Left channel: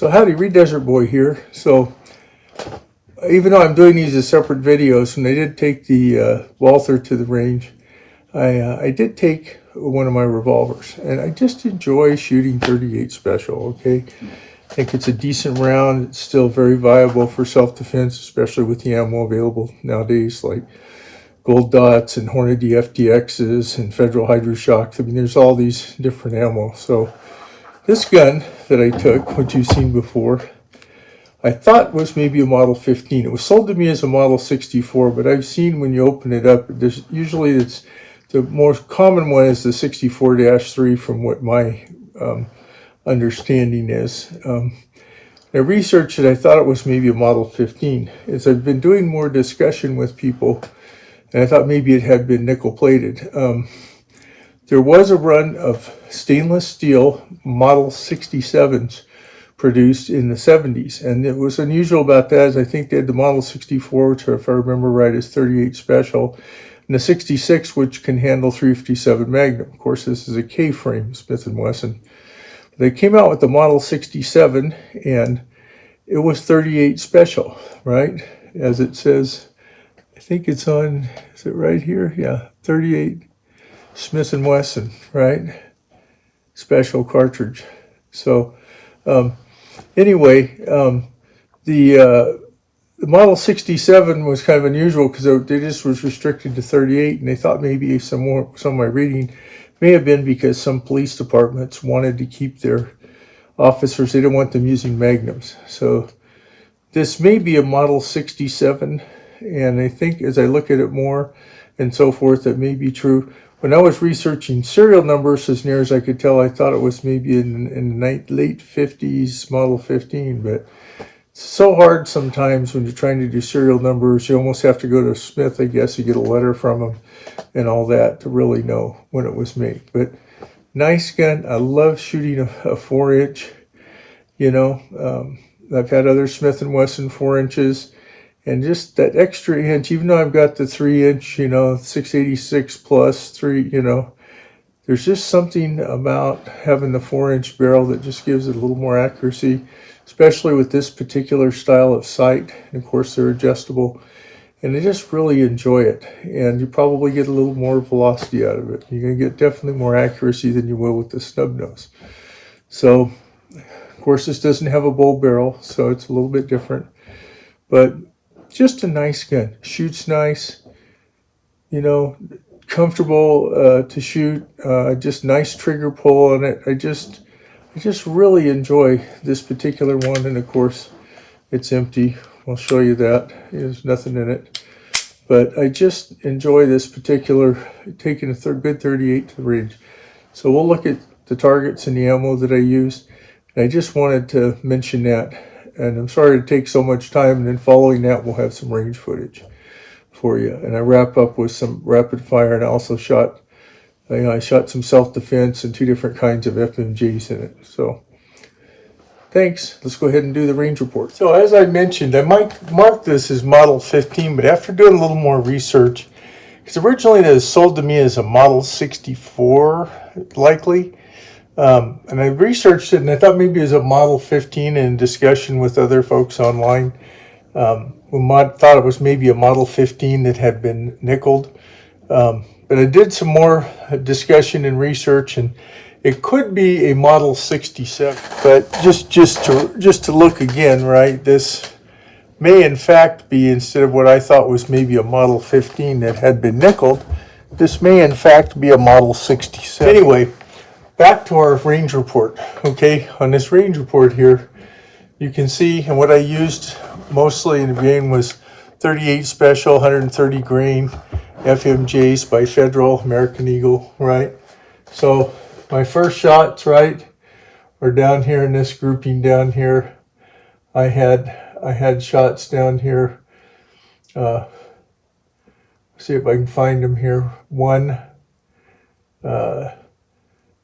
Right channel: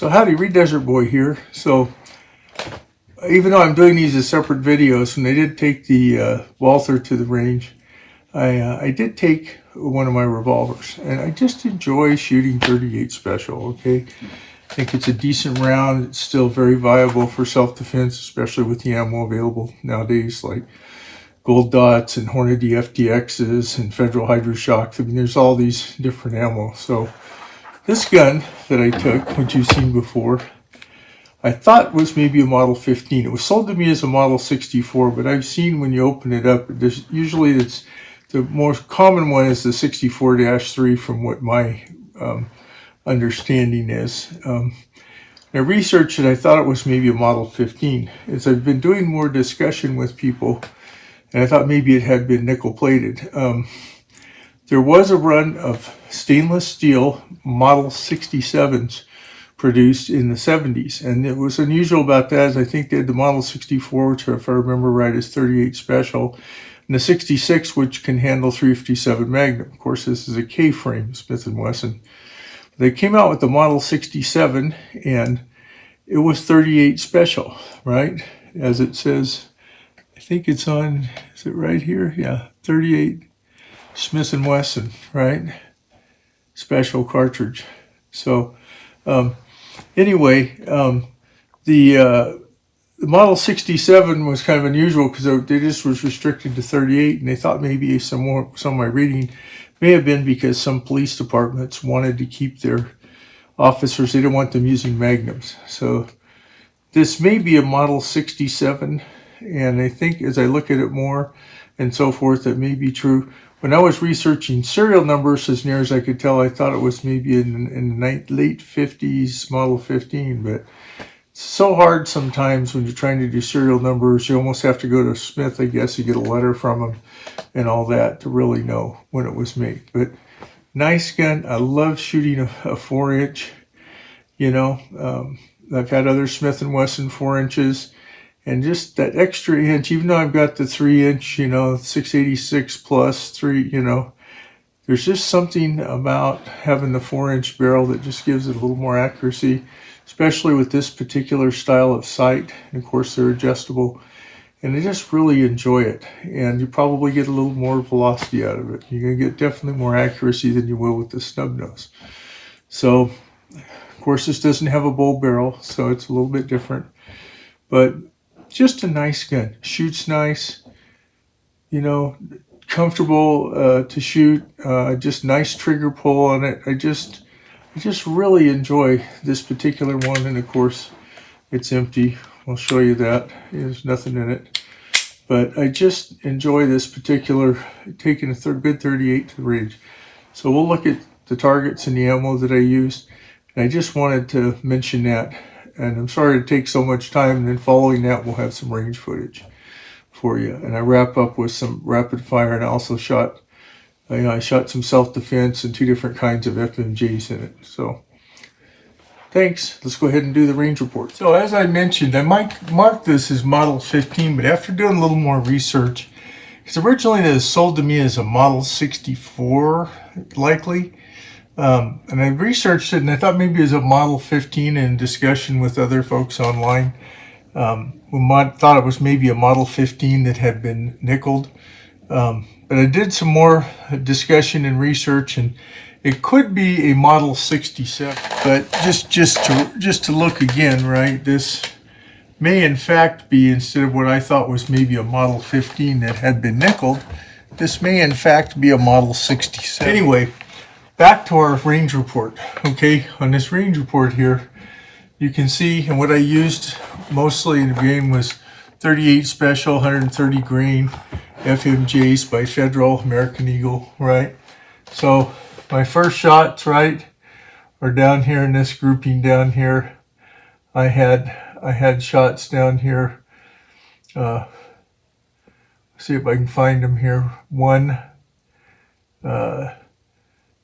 So howdy, Reed Desert Boy here. So even though I'm doing these as separate videos, and I did take the Walther to the range, I did take one of my revolvers, and I just enjoy shooting 38 special, okay? I think it's a decent round. It's still very viable for self-defense, especially with the ammo available nowadays, like Gold Dots and Hornady FTXs and Federal Hydroshocks. I mean, there's all these different ammo. So this gun that I took, which you've seen before, I thought was maybe a Model 15. It was sold to me as a Model 64, but I've seen when you open it up, there's usually it's the most common one is the 64-3 from what my understanding is. I researched it. I thought it was maybe a Model 15. As I've been doing more discussion with people, and I thought maybe it had been nickel plated. There was a run of stainless steel Model 67s produced in the 70s, and it was unusual about that is I think they had the Model 64, which if I remember right is 38 special, and the 66, which can handle 357 Magnum. Of course, this is a K-frame Smith & Wesson. They came out with the Model 67, and it was 38 special, right? As it says, I think it's on, is it right here? Yeah, 38 Smith & Wesson, right? Special cartridge. So anyway, the Model 67 was kind of unusual because they just was restricted to 38, and they thought maybe some of my reading may have been because some police departments wanted to keep their officers, they didn't want them using magnums. So this may be a Model 67, and I think as I look at it more and so forth, that may be true. When I was researching serial numbers, as near as I could tell, I thought it was maybe in the late 50s Model 15, but it's so hard sometimes when you're trying to do serial numbers. You almost have to go to Smith, I guess, you get a letter from them and all that to really know when it was made. But nice gun. I love shooting a 4-inch. You know, I've had other Smith & Wesson 4-inches, and just that extra inch, even though I've got the 3-inch, you know, 686 plus 3, you know, there's just something about having the 4-inch barrel that just gives it a little more accuracy, especially with this particular style of sight. And of course, they're adjustable, and I just really enjoy it. And you probably get a little more velocity out of it. You're going to get definitely more accuracy than you will with the snub nose. So, of course, this doesn't have a bowl barrel, so it's a little bit different. But just a nice gun. Shoots nice, you know, comfortable to shoot. Just nice trigger pull on it. I just really enjoy this particular one. And of course, it's empty. I'll show you that. There's nothing in it. But I just enjoy this particular, taking a good 38 to the range. So we'll look at the targets and the ammo that I used. And I just wanted to mention that. And I'm sorry to take so much time. And then following that, we'll have some range footage for you. And I wrap up with some rapid fire. And I also shot, I shot some self-defense and 2 different kinds of FMJs in it. So thanks. Let's go ahead and do the range report. So as I mentioned, I might mark this as Model 15, but after doing a little more research, because originally it was sold to me as a Model 64, likely. And I researched it, and I thought maybe it was a Model 15 in discussion with other folks online. Thought it was maybe a Model 15 that had been nickeled. But I did some more discussion and research, and it could be a Model 67. But just to look again, right, this may in fact be, instead of what I thought was maybe a Model 15 that had been nickeled, this may in fact be a Model 67. Anyway, back to our range report. Okay, on this range report here, you can see, and what I used mostly in the game was 38 special, 130 grain FMJs by Federal, American Eagle, right? So my first shots, right, are down here in this grouping down here. I had shots down here. See if I can find them here. 1,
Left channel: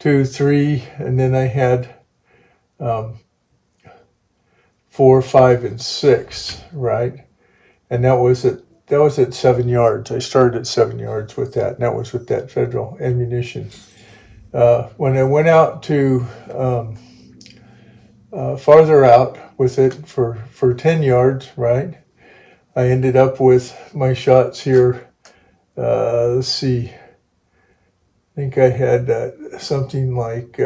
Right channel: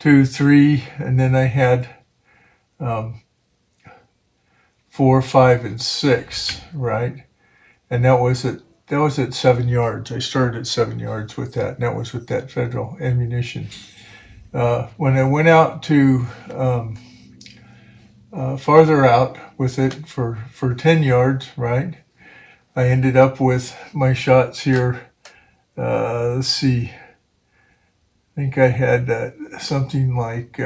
2, 3, and then I had 4, 5, and 6, right? And that was at 7 yards. I started at 7 yards with that, and that was with that Federal ammunition. When I went out to farther out with it for 10 yards, right? I ended up with my shots here. Let's see. I think I had something like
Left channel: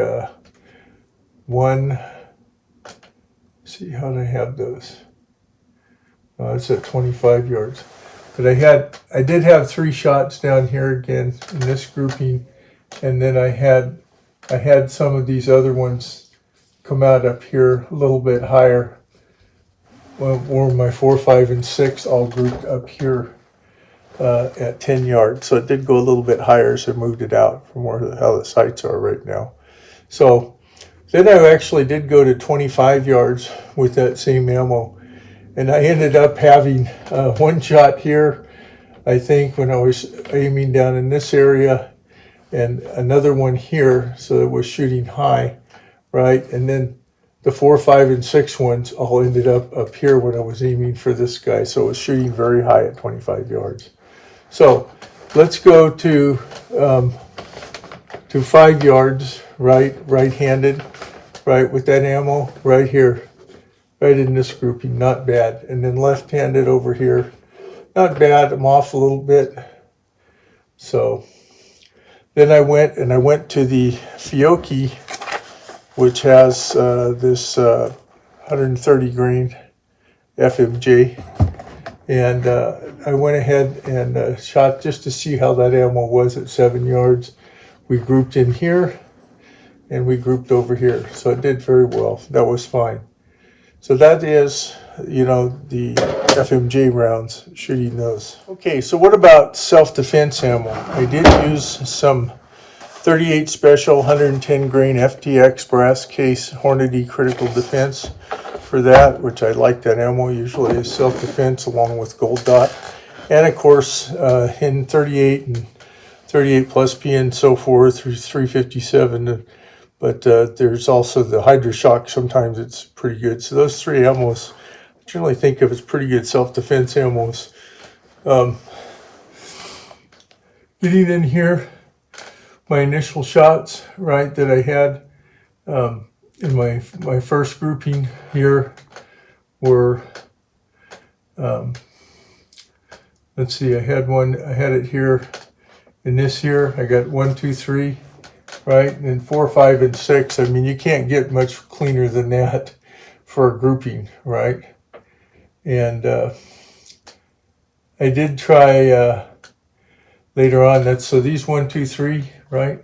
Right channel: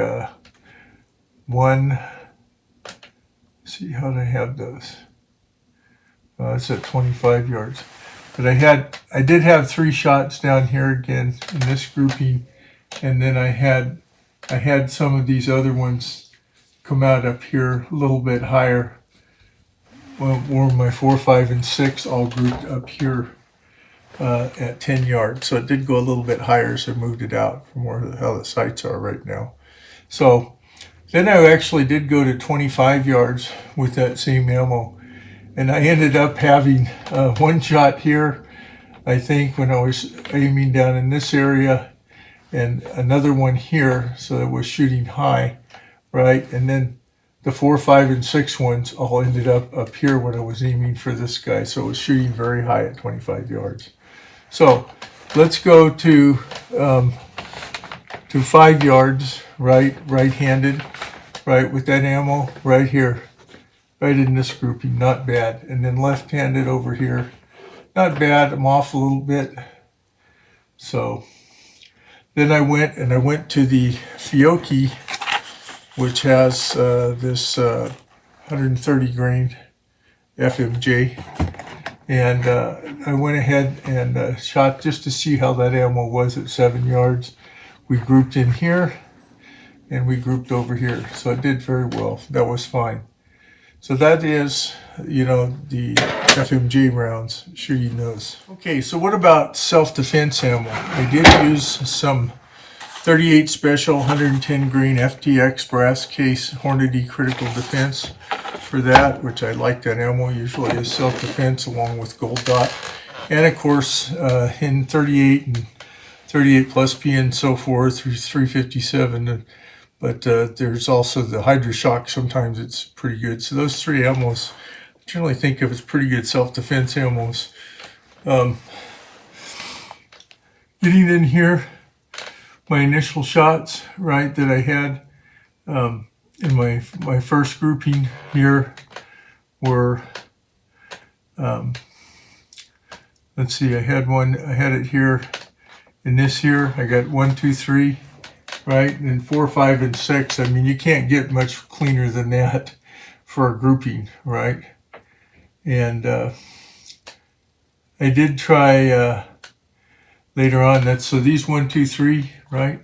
one. See how did I have those? It's at 25 yards. But I did have 3 shots down here again in this grouping, and then I had some of these other ones come out up here a little bit higher. Where my 4, 5, and 6 all grouped up here at 10 yards. So it did go a little bit higher, so I moved it out from how the sights are right now. So then I actually did go to 25 yards with that same ammo. And I ended up having one shot here, I think, when I was aiming down in this area, and another one here, so it was shooting high, right? And then the 4, 5, and 6 ones all ended up here when I was aiming for this guy, so it was shooting very high at 25 yards. So let's go to 5 yards, right-handed, right, with that ammo right here. Right in this grouping, not bad. And then left-handed over here, not bad. I'm off a little bit. So then I went to the Fiocchi, which has this 130 grain FMJ. And I went ahead and shot just to see how that ammo was at 7 yards. We grouped in here, and we grouped over here. So it did very well. That was fine. So that is, the FMJ rounds, shooting those. Okay, so what about self-defense ammo? I did use some 38 special 110 grain FTX brass case Hornady Critical Defense for that, which I like that ammo. Usually is self-defense along with gold dot. And of course, in 38 and 38 plus P and so forth, 357. But there's also the Hydra-Shock. Sometimes it's pretty good. So those 3 ammos, I generally think of as pretty good self-defense ammos. Getting in here, my initial shots, right, that I had in my first grouping here were, let's see, I had it here, in this here, I got 1, 2, 3. Right, and then 4, 5, and 6. I mean, you can't get much cleaner than that for a grouping, right? And I did try later on. So these 1, 2, 3, right?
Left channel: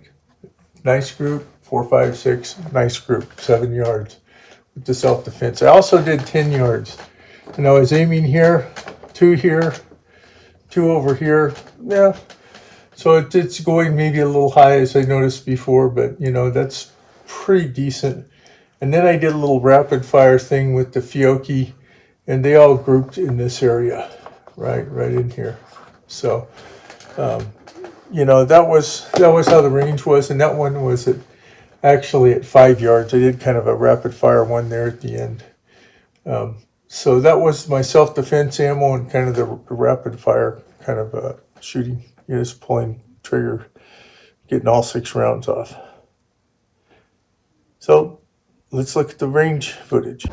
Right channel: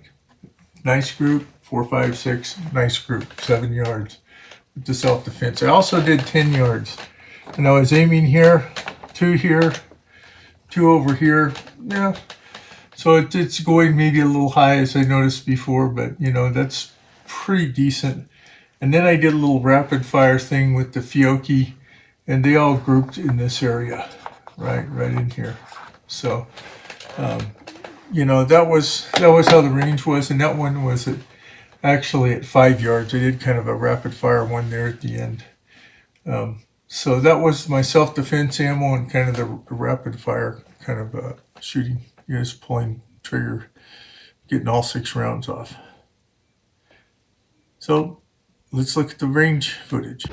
Nice group. 4, 5, 6, nice group. 7 yards with the self-defense. I also did 10 yards, and I was aiming here, 2 over here. Yeah. So it's going maybe a little high, as I noticed before, but that's pretty decent. And then I did a little rapid fire thing with the Fiocchi, and they all grouped in this area, right in here. So that was how the range was, and that one was actually at 5 yards. I did kind of a rapid fire one there at the end. So that was my self-defense ammo and kind of the rapid fire kind of shooting. Just pulling trigger, getting all 6 rounds off. So let's look at the range footage.